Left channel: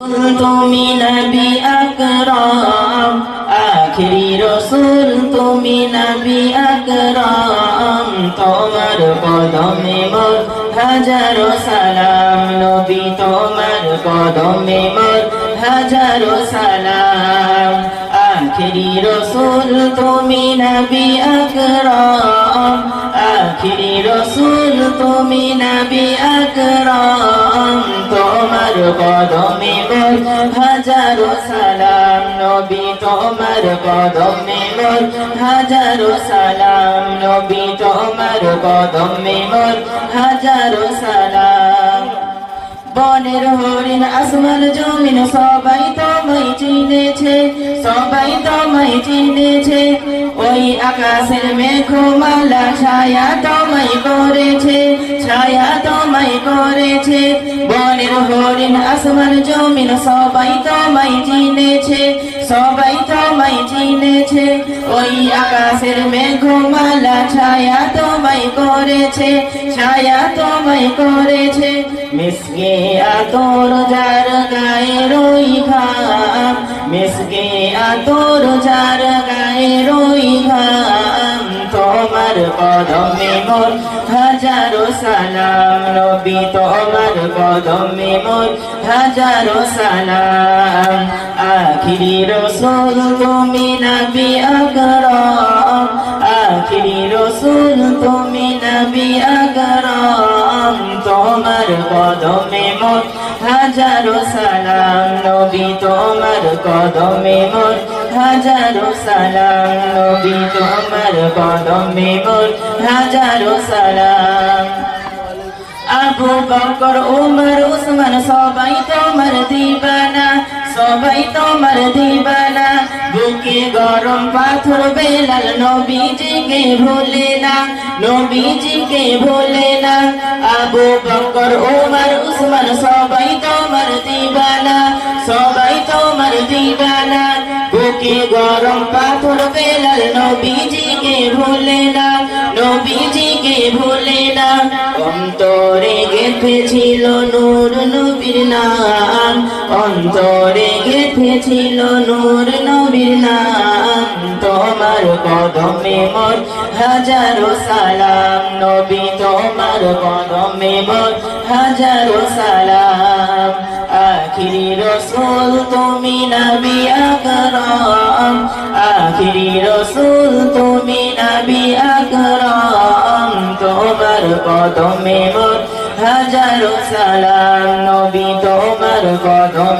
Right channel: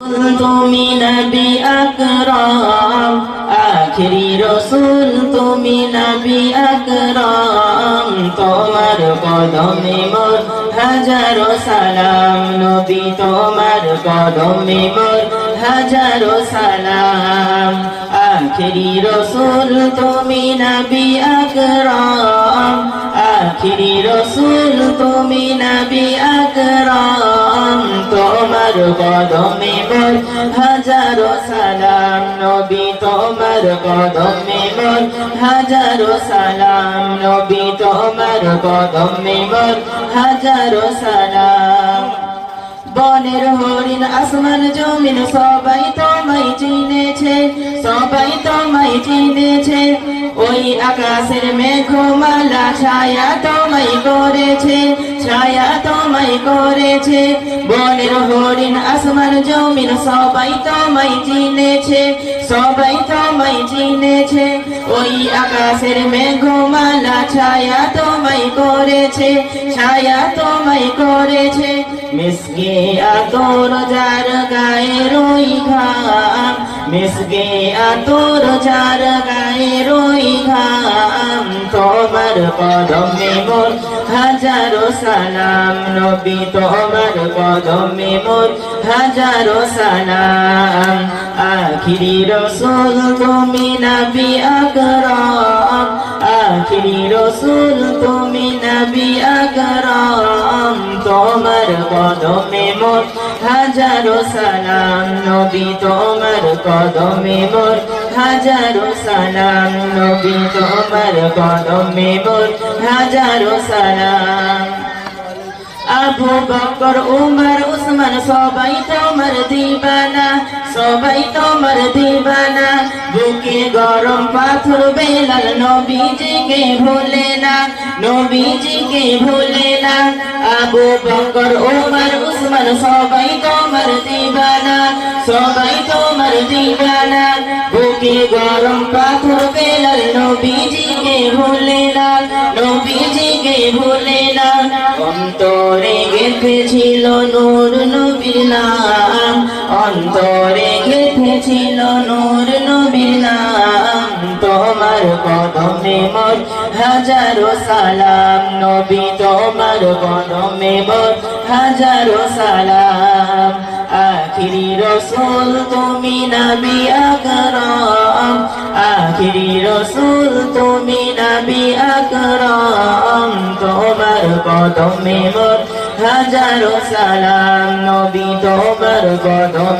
তুমি নবী আকরাম আখিরি রসুল তুমি নবী আকরাম তোমার কদমে মোর হাজারো সালাম নবী তোমার কদমে মোর হাজারো সালাম আখিরি রসুল তুমি নবী আকরাম আখিরি রসুল তুমি নবী আকরাম তোমার কদমে মোর হাজারো সালাম নবী তোমার কদমে মোর হাজারো সালাম নবী তোমার কদমে মোর হাজারো সালাম বনের হরিণ আসমান জমিন সবাই তোমায় চিনেছে সবাই তোমায় চিনেছে ওই আকাশের মেঘমালা ছায়া তোমায় করেছে ছায়া তোমায় করেছে বনের হরিণ আসমান জমিন সবাই তোমায় চিনেছে সবাই তোমায় চিনেছে ওই আকাশের মেঘমালা ছায়া তোমায় করেছে ছায়া তোমায় করেছে মিসকে আতর যার গায়ে রই ঘাম মিসকে আতর যার গায়ে রই ঘাম তোমার কদমে মোর হাজারো সালাম নবী তোমার কদমে মোর হাজারো সালাম আখিরি রসুল তুমি নবী আকরাম আখিরি রসুল তুমি নবী আকরাম তোমার কদমে মোর হাজারো সালাম নবী তোমার কদমে মোর হাজারো সালাম নবী তোমার কদমে মোর হাজারো সালাম আবু বকর উমর উসমান সবাই তোমার দিবানা সবাই তোমার দিবানা বুকে গরম পাথর বেলাল নবীজিকে ভুলে না নবীজিকে ভুলে না আবু বকর উমর উসমান সবাই তোমার দিবানা সবাই তোমার দিবানা বুকে গরম পাথর বেলাল নবীজিকে ভুলে না নবীজিকে ভুলে না অন্তরে গেঁথেছিল নূর নবীর নাম অন্তরে গেঁথেছিল নূর নবীর নাম তোমার কদমে মোর হাজারো সালাম নবী তোমার কদমে মোর হাজারো সালাম আখিরি রসুল তুমি নবী আকরাম আখিরি রসুল তুমি নবী আকরাম তোমার কদমে মোর হাজারো সালাম নবী তোমার কদমে